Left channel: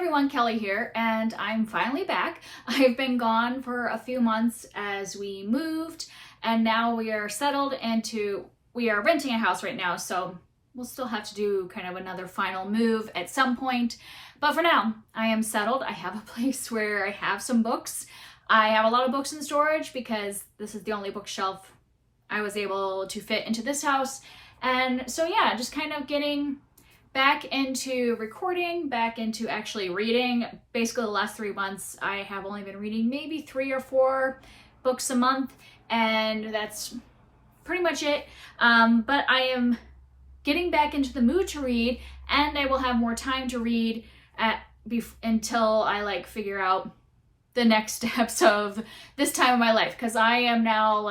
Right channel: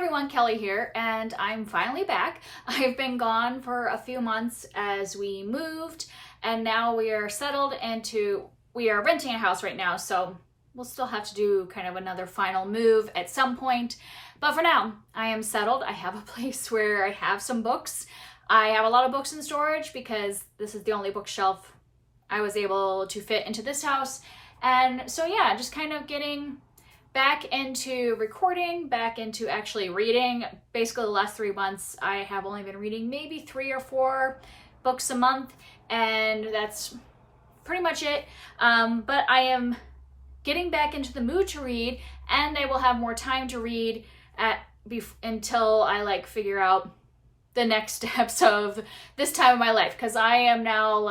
everyone, Kelly here, and I'm finally back. I've been gone for a few months as we moved, and now we are settled we are renting a house right now, so we'll still have to do kind of another final move at some point. But for now, I am settled. I have a place where I have some books. I have a lot of books in storage because this is the only bookshelf I was able to fit into this house. And so yeah, just kind of getting back into recording, back into actually reading. Basically the last 3 months, I have only been reading maybe 3 or 4 books a month, and that's pretty much it. But I am getting back into the mood to read, and I will have more time to read until I figure out the next steps of this time of my life, because I am now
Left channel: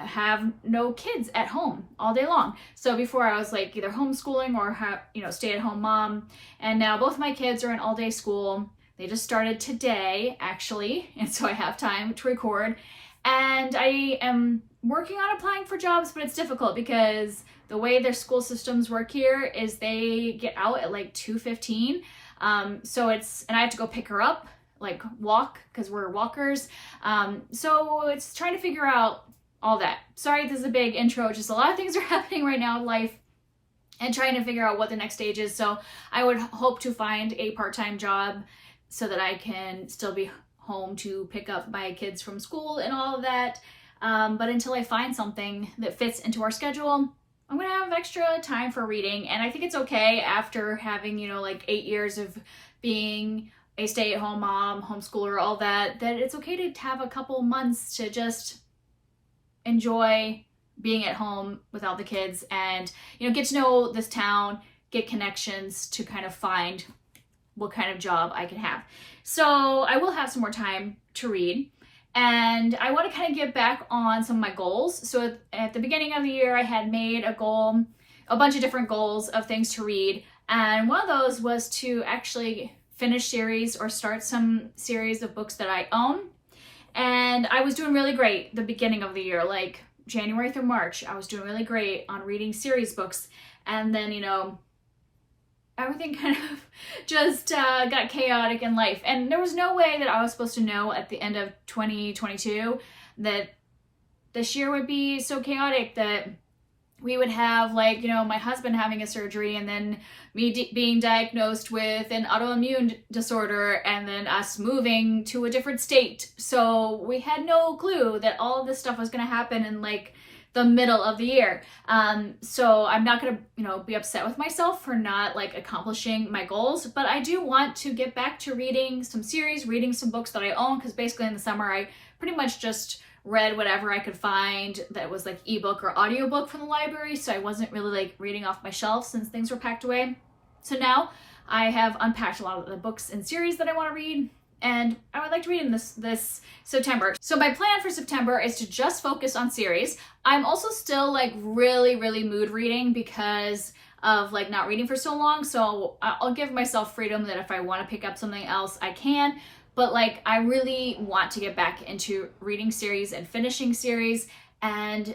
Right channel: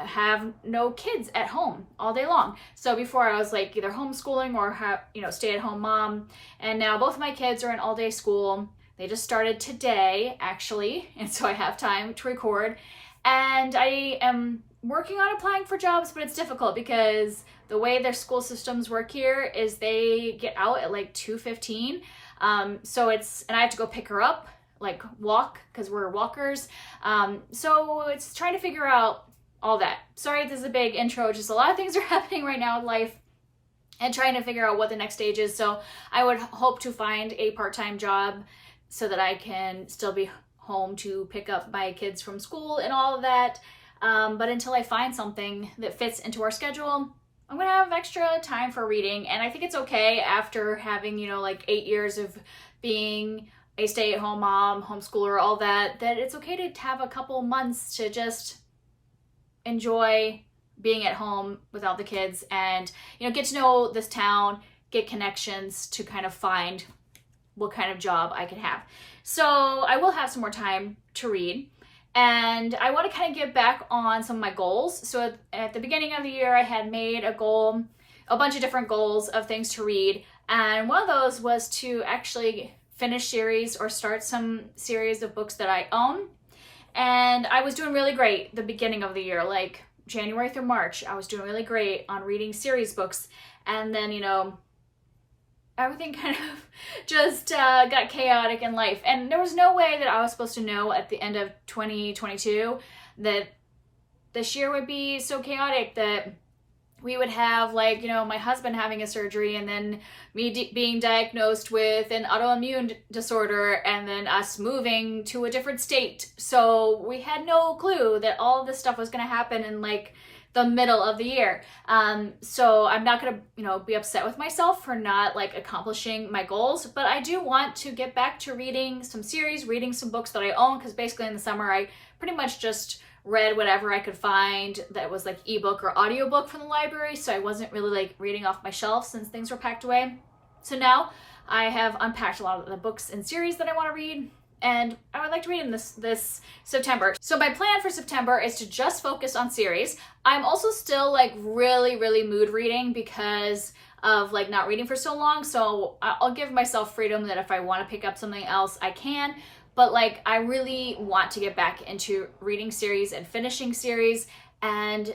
have no kids at home all day long. So before I was either homeschooling or stay-at-home mom, and now both my kids are in all-day school. They just started today actually, and so I have time to record. And I am working on applying for jobs, but it's difficult because the way their school systems work here is they get out at 2:15. So and I have to go pick her up, walk, because we're walkers. So it's trying to figure out all that. Sorry, this is a big intro. Just a lot of things are happening right now in life and trying to figure out what the next stage is. So I would hope to find a part-time job so that I can still be home to pick up my kids from school and all of that. But until I find something that fits into our schedule, I'm gonna have extra time for reading. And I think it's okay after having, 8 years of being a stay-at-home mom, homeschooler, all that it's okay to have a couple months to just enjoy being at home without the kids and, get to know this town, get connections to kind of find what kind of job I can have. So I will have some more time to read, and I want to kind of get back on some of my goals. So at the beginning of the year, I had made a bunch of different goals of things to read. And one of those was to actually finish series or start some series of books that I own. And I was doing really great the beginning of the year, January through March. I was doing really great on reading series books. And then, everything kind of just got chaotic in life. And there was no way that I was supposed to know at the end of 2022 that this year would be so chaotic that we would have my husband having a surgery, and then me being diagnosed with an autoimmune disorder, and then us moving to a different state. So we had no clue that all of this stuff was going to happen in the middle of the year. So I'm not going to, be upset with myself for not accomplishing my goals, but I do want to get back to reading some series, reading some books that I own, because basically in the summer I pretty much just read whatever I could find that was ebook or audiobook from the library. So I wasn't really reading off my shelf since things were packed away. So now I have unpacked a lot of the books and series that I want to read, and I would like to read in this September. So my plan for September is to just focus on series. I'm also still really mood reading because of not reading for so long. So I'll give myself freedom that if I want to pick up something else, I can. But I really want to get back into reading series and finishing series. And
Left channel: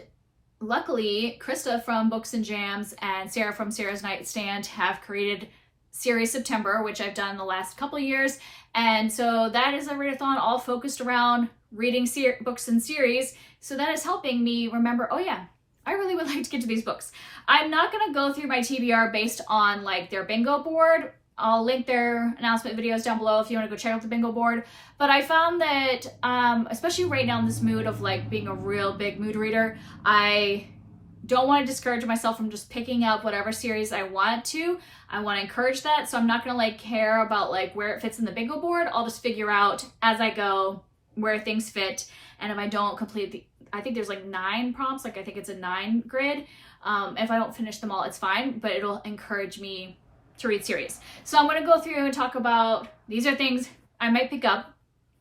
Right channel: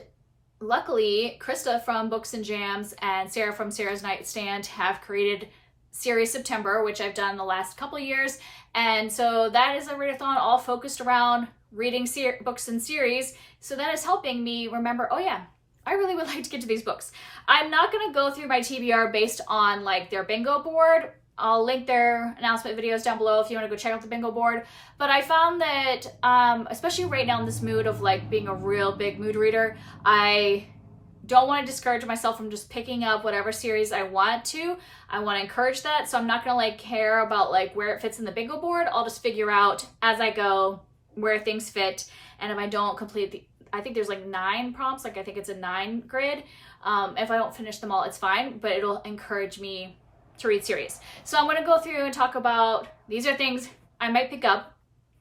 luckily, Krista from Books and Jams and Sarah from Sarah's Nightstand have created Series September, which I've done the last couple of years. And so that is a readathon all focused around reading books and series. So that is helping me remember, oh yeah, I really would like to get to these books. I'm not going to go through my TBR based on their bingo board. I'll link their announcement videos down below if you want to go check out the bingo board. But I found that, especially right now in this mood of being a real big mood reader, I don't want to discourage myself from just picking up whatever series I want to. I want to encourage that. So I'm not going to care about where it fits in the bingo board. I'll just figure out as I go where things fit. And if I don't complete I think there's 9 prompts. I think it's a 9 grid. If I don't finish them all, it's fine, but it'll encourage me to read series. So I'm going to go through and talk about, these are things I might pick up.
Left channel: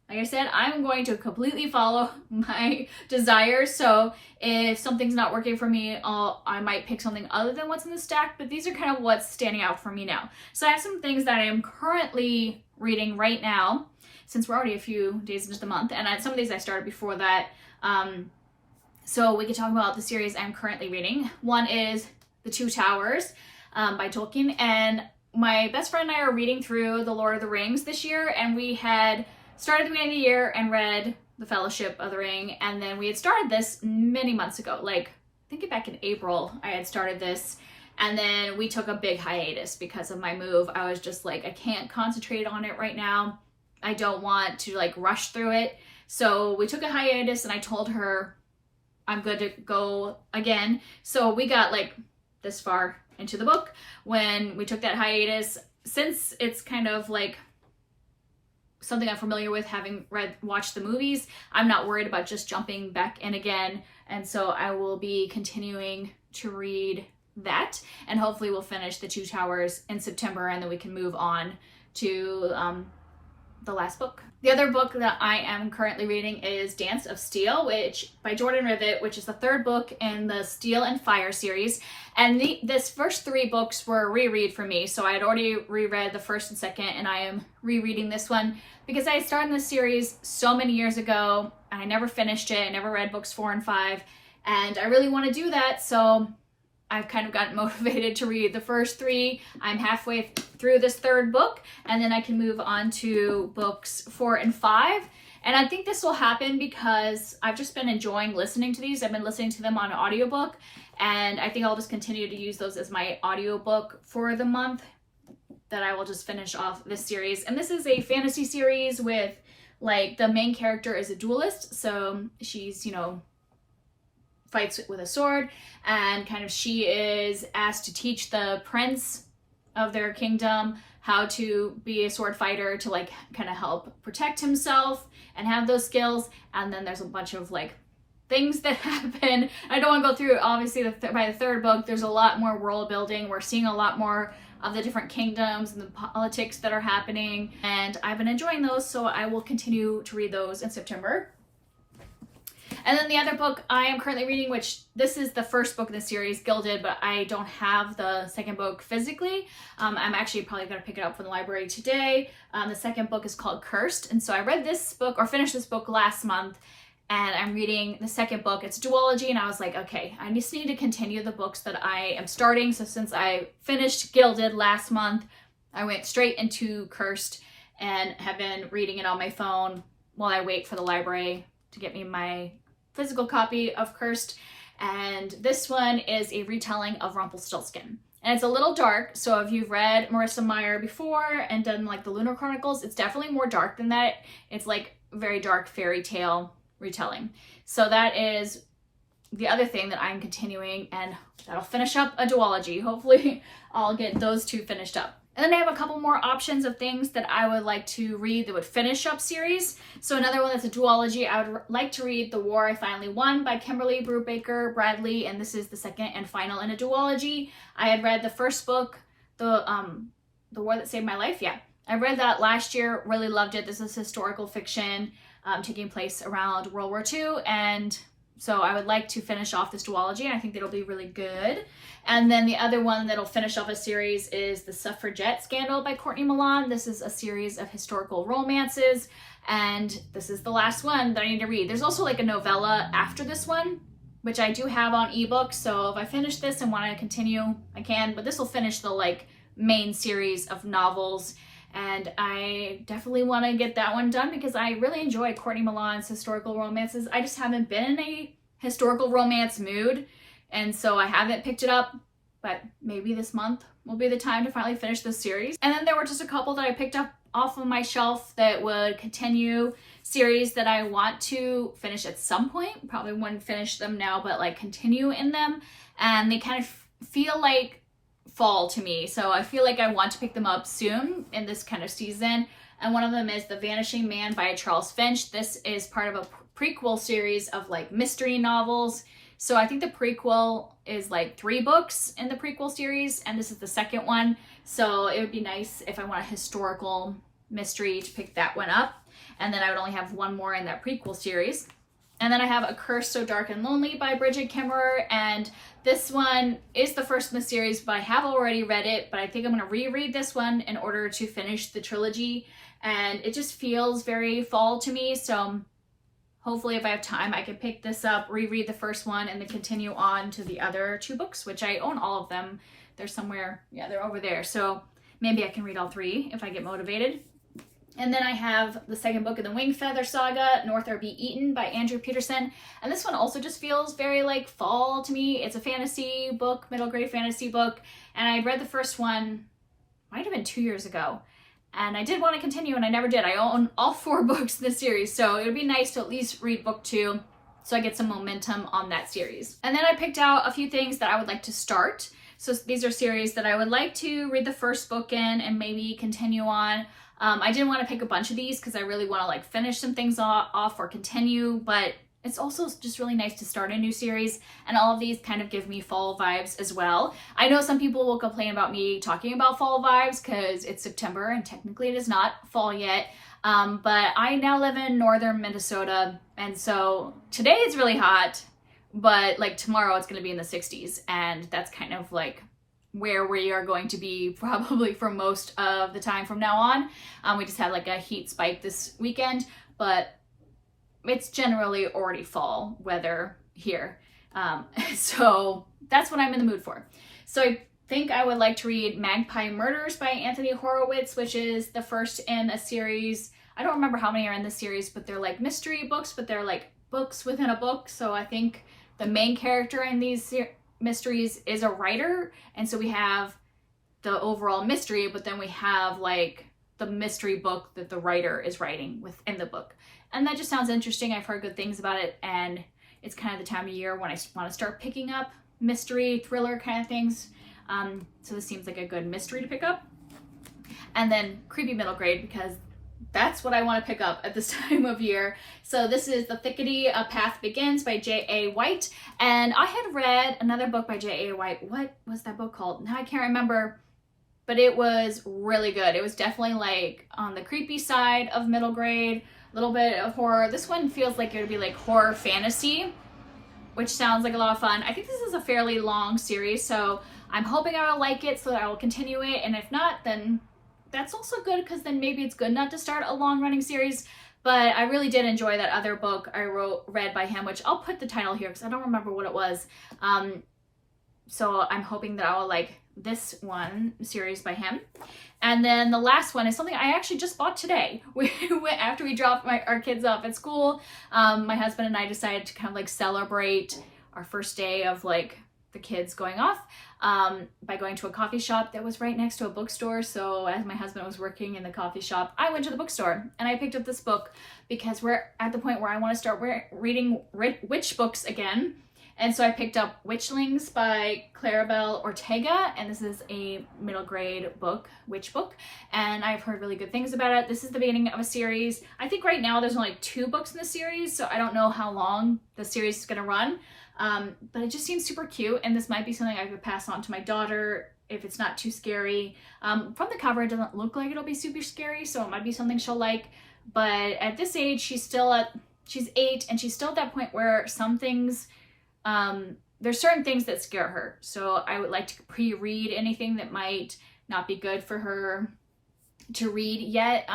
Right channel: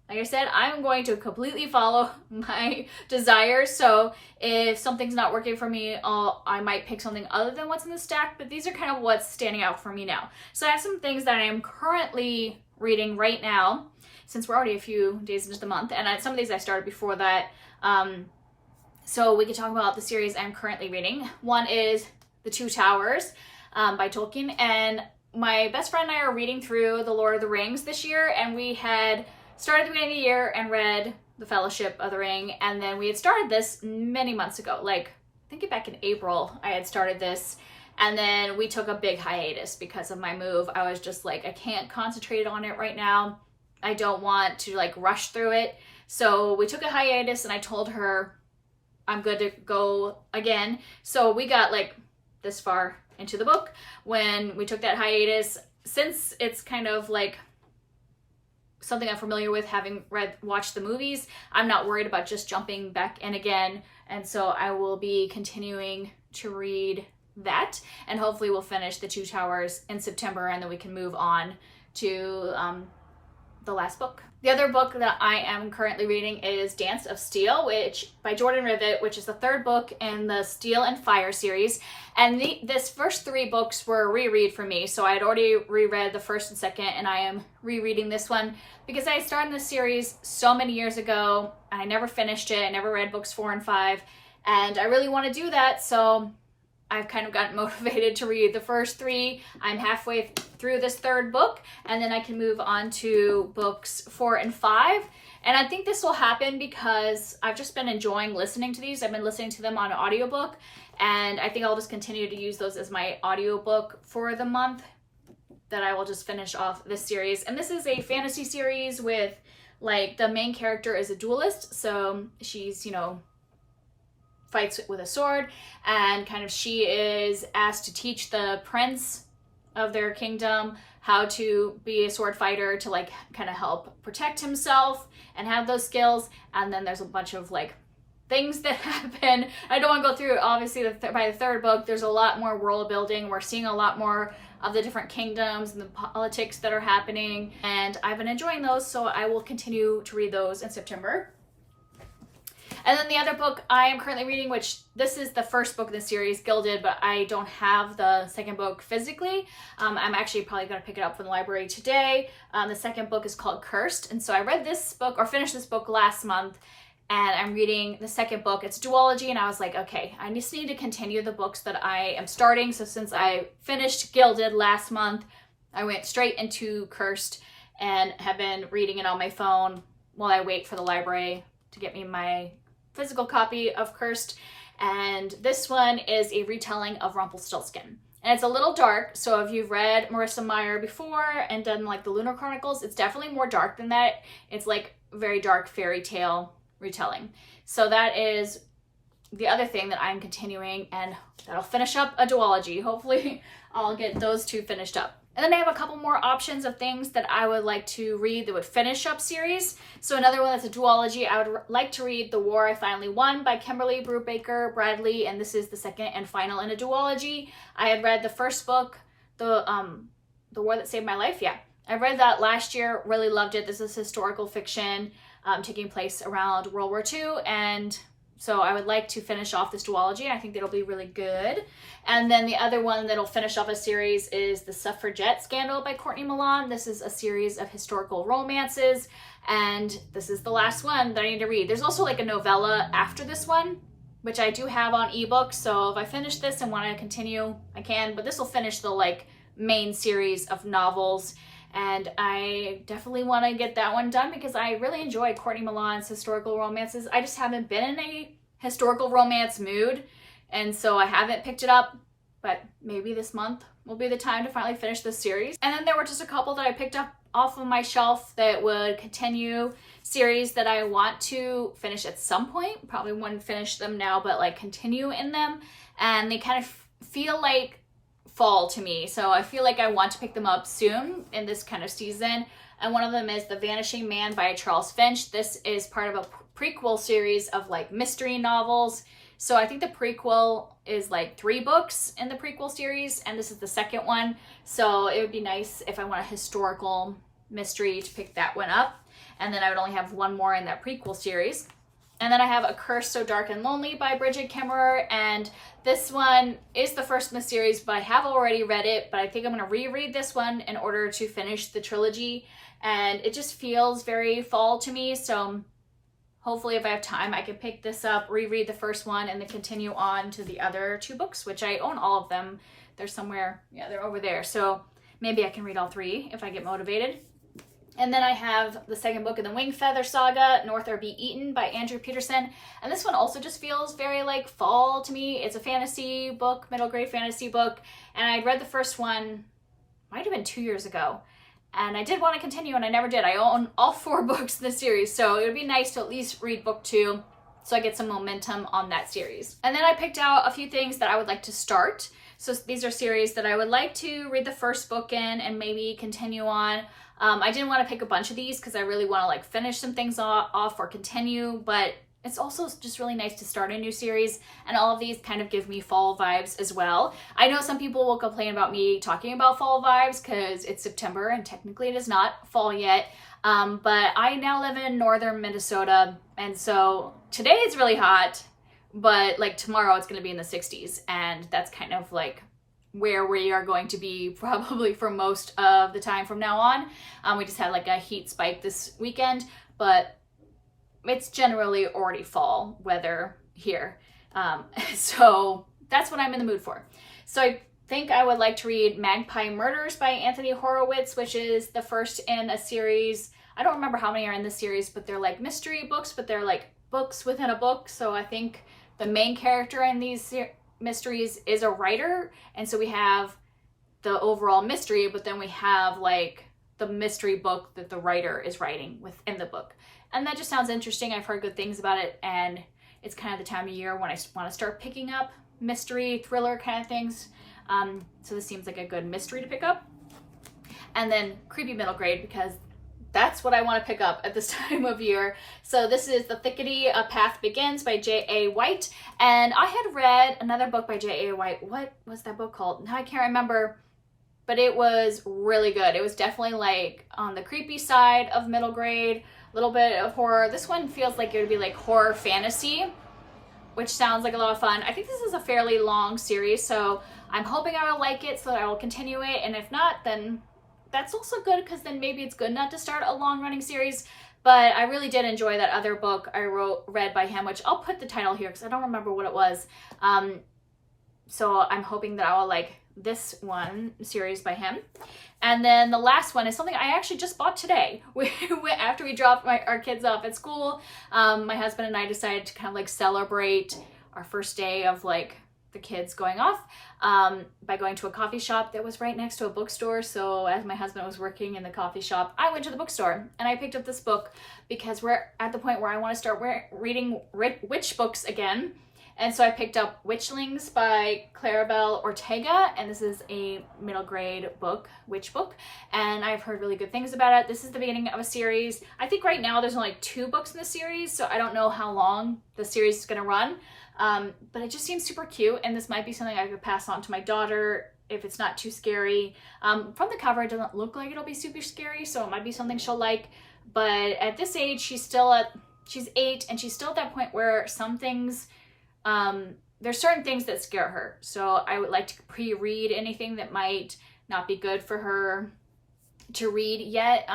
Like I said, I'm going to completely follow my desires. So if something's not working for me, I might pick something other than what's in the stack, but these are kind of what's standing out for me now. So I have some things that I am currently reading right now, since we're already a few days into the month, and some of these I started before that. So we could talk about the series I'm currently reading. One is The Two Towers by Tolkien, and my best friend and I are reading through The Lord of the Rings this year, and we had started at the beginning of the year and read The Fellowship of the Ring, and then we had started this many months ago, like I think back in April I had started this, and then we took a big hiatus because of my move. I was just like, I can't concentrate on it right now. I don't want to like rush through it. So we took a hiatus, and I told her I'm good to go again. So we got like this far into the book when we took that hiatus. Since it's kind of like something I'm familiar with, having watched the movies, I'm not worried about just jumping back in again. And so I will be continuing to read that, and hopefully we'll finish The Two Towers in September, and then we can move on to the last book. The other book that I am currently reading is Dance of Steel, which by Jordan Rivet, which is the third book in the Steel and Fire series. And this first 3 books were a reread for me. So I had already reread the first and second, and I am rereading this one because I started this series so many years ago, and I never finished it. I never read books 4 and 5, and I really want to do that. So I've kind of gotten motivated to read the first 3. I'm halfway through this third book, and then I can move on to books 4 and 5. And I think this will happen because I've just been enjoying listening to these. I've been listening to them on an audiobook, and I think I'll just continue to use those as my audiobook for the month that I will just finish off this series. And this is a fantasy series with, like, the main character is a duelist. So she's, you know, fights with a sword, and kind of she is asked to teach the prince of their kingdom how to be a sword fighter, to like kind of help protect himself and have those skills. And then there's a bunch of like things that happen. I don't want to go through, obviously by the third book there's a lot more world building. We're seeing a lot more of the different kingdoms and the politics that are happening, and I've been enjoying those, so I will continue to read those in September. And then the other book I am currently reading, which this is the first book in the series, Gilded, but I don't have the second book physically. I'm actually probably going to pick it up from the library today. The second book is called Cursed. And so I read this book, or finished this book last month, and I'm reading the second book. It's a duology, and I was like, okay, I just need to continue the books that I am starting. So since I finished Gilded last month, I went straight into Cursed and have been reading it on my phone while I wait for the library to get me my physical copy of Cursed. And this one is a retelling of Rumpelstiltskin, and it's a little dark. So if you've read Marissa Meyer before and done like the Lunar Chronicles, it's definitely more dark than that. It's like very dark fairy tale retelling. So that is the other thing that I'm continuing, and that'll finish up a duology. Hopefully I'll get those 2 finished up. And then I have a couple more options of things that I would like to read that would finish up series. So another one that's a duology, I would like to read The War I Finally Won by Kimberly Brubaker Bradley, and this is the second and final in a duology. I had read the first book, The War That Saved My Life. Yeah, I read that last year, really loved it. This is historical fiction taking place around World War II, and so I would like to finish off this duology, and I think that'll be really good. And then the other one that'll finish off a series is The Suffragette Scandal by Courtney Milan. This is a series of historical romances, and this is the last one that I need to read. There's also like a novella after this one, which I do have on ebook, so if I finish this and want to continue, I can, but this will finish the like main series of novels. And I definitely want to get that one done because I really enjoy Courtney Milan's historical romances. I just haven't been in a historical romance mood, and so I haven't picked it up, but maybe this month will be the time to finally finish this series. And then there were just a couple that I picked up off of my shelf that would continue series that I want to finish at some point. Probably wouldn't finish them now, but like continue in them. And they kind of feel like fall to me, so I feel like I want to pick them up soon in this kind of season. And one of them is The Vanishing Man by Charles Finch. This is part of a prequel series of like mystery novels. So I think the prequel is like 3 books in the prequel series, and this is the second one. So it would be nice if I want a historical mystery to pick that one up, and then I would only have 1 more in that prequel series. And then I have A Curse So Dark and Lonely by Bridget Kimmerer, and this one is the first in the series, but I have already read it, but I think I'm going to reread this one in order to finish the trilogy, and it just feels very fall to me, so hopefully if I have time I can pick this up, reread the first one, and then continue on to the other 2 books, which I own all of them. They're somewhere, yeah, they're over there, so maybe I can read all 3 if I get motivated. And then I have the second book in the Wingfeather Saga, North or Be Eaten by Andrew Peterson. And this one also just feels very like fall to me. It's a fantasy book, middle grade fantasy book. And I'd read the first one, might have been 2 years ago. And I did want to continue and I never did. I own all 4 books in the series. So it would be nice to at least read book 2 so I get some momentum on that series. And then I picked out a few things that I would like to start. So these are series that I would like to read the first book in and maybe continue on. I didn't want to pick a bunch of these because I really want to like finish some things off or continue, but it's also just really nice to start a new series, and all of these kind of give me fall vibes as well. I know some people will complain about me talking about fall vibes because it's September and technically it is not fall yet, but I now live in northern Minnesota, and so today it's really hot, but like tomorrow it's going to be in the 60s, and that's kind of like where we are going to be probably for most of the time from now on. We just had like a heat spike this weekend, but it's generally already fall weather here. So that's what I'm in the mood for. So I think I would like to read Magpie Murders by Anthony Horowitz, which is the first in a series. I don't remember how many are in the series, but they're like mystery books, but they're like books within a book. So I think the main character in these mysteries is a writer, and so we have the overall mystery, but then we have like the mystery book that the writer is writing within the book, and that just sounds interesting. I've heard good things about it, and it's kind of the time of year when I want to start picking up mystery thriller kind of things, so this seems like a good mystery to pick up. And then creepy middle grade, because that's what I want to pick up at this time of year. So this is The Thickety, A Path Begins by J.A. White. And I had read another book by J.A. White. What was that book called? Now I can't remember, but it was really good. It was definitely like on the creepy side of middle grade, a little bit of horror. This one feels like it would be like horror fantasy, which sounds like a lot of fun. I think this is a fairly long series, so I'm hoping I will like it so that I will continue it. And if not, then that's also good, because then maybe it's good not to start a long running series. But I really did enjoy that other book I read by him, which I'll put the title here because I don't remember what it was. So I'm hoping that I will like this one series by him. And then the last one is something I actually just bought today. After we dropped our kids off at school, my husband and I decided to kind of like celebrate our first day of like the kids going off by going to a coffee shop that was right next to a bookstore. So as my husband was working in the coffee shop, I went to the bookstore and I picked up this book because we're at the point where I want to start reading witch books again. And so I picked up Witchlings by Claribel Ortega, and this is a middle grade book, witch book, and I've heard really good things about it. This is the beginning of a series. I think right now there's only 2 books in the series, so I don't know how long the series is going to run. But it just seems super cute, and this might be something I could pass on to my daughter if it's not too scary. From the cover, it doesn't look like it'll be super scary, so it might be something she'll like. But at this age, she's 8, and she's still at that point where some things, there's certain things that scare her. So I would like to pre-read anything that might not be good for her to read yet,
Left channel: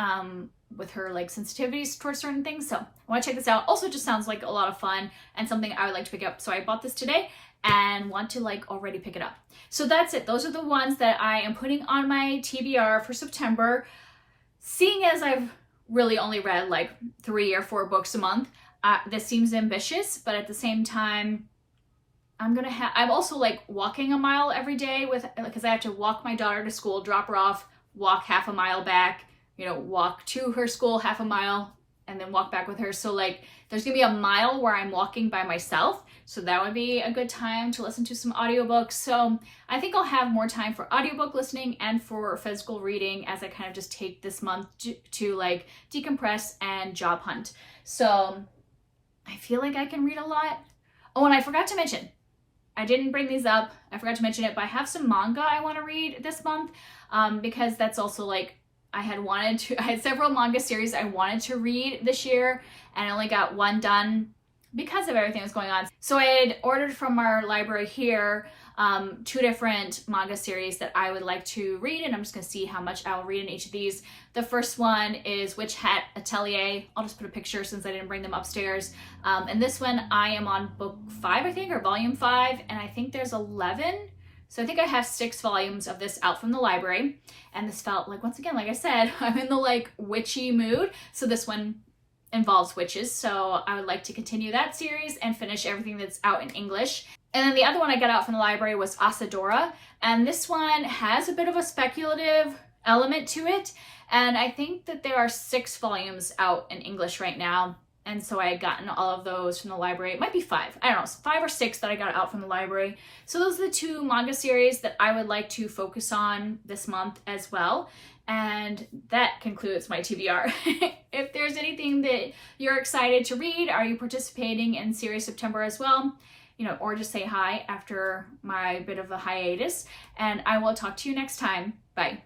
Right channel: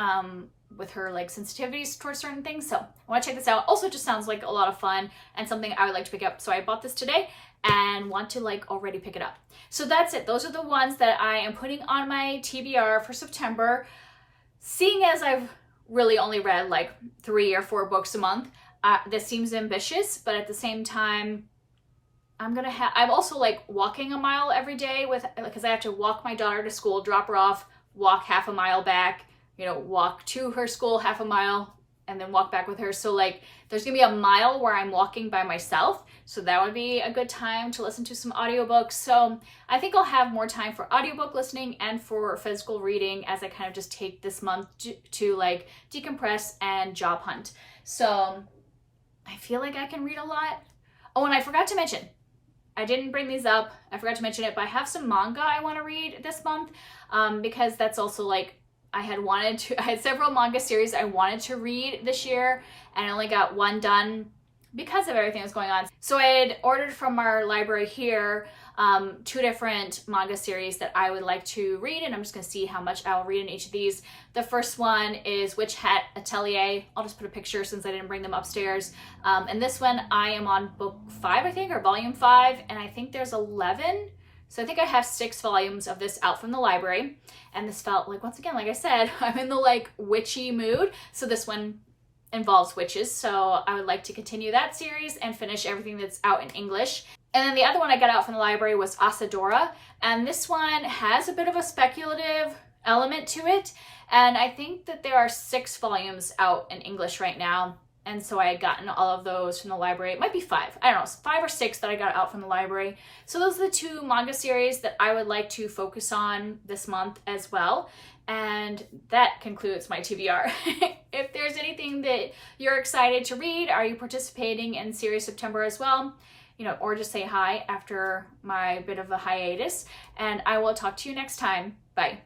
with her like sensitivities towards certain things. So I want to check this out. Also, just sounds like a lot of fun and something I would like to pick up. So I bought this today and want to like already pick it up. So that's it. Those are the ones that I am putting on my TBR for September. Seeing as I've really only read like 3 or 4 books a month, this seems ambitious, but at the same time, I'm also like walking a mile every day because I have to walk my daughter to school, drop her off, walk half a mile back, walk to her school half a mile, and then walk back with her. So like there's gonna be a mile where I'm walking by myself. So that would be a good time to listen to some audiobooks. So I think I'll have more time for audiobook listening and for physical reading as I kind of just take this month to like decompress and job hunt. So I feel like I can read a lot. Oh, and I forgot to mention, I didn't bring these up. I forgot to mention it, but I have some manga I want to read this month, because that's also like, I had several manga series I wanted to read this year, and I only got one done because of everything that's going on. So I had ordered from our library here 2 different manga series that I would like to read, and I'm just going to see how much I will read in each of these. The first one is Witch Hat Atelier. I'll just put a picture since I didn't bring them upstairs. And this one I am on book 5, I think, or volume 5, and I think there's 11 So I think I have 6 volumes of this out from the library. And this felt like, once again, like I said, I'm in the like witchy mood. So this one involves witches. So I would like to continue that series and finish everything that's out in English. And then the other one I got out from the library was Asadora. And this one has a bit of a speculative element to it. And I think that there are 6 volumes out in English right now. And so I had gotten all of those from the library. It might be 5. I don't know, 5 or 6 that I got out from the library. So those are the 2 manga series that I would like to focus on this month as well. And that concludes my TBR. If there's anything that you're excited to read, are you participating in Series September as well? You know, or just say hi after my bit of a hiatus. And I will talk to you next time. Bye.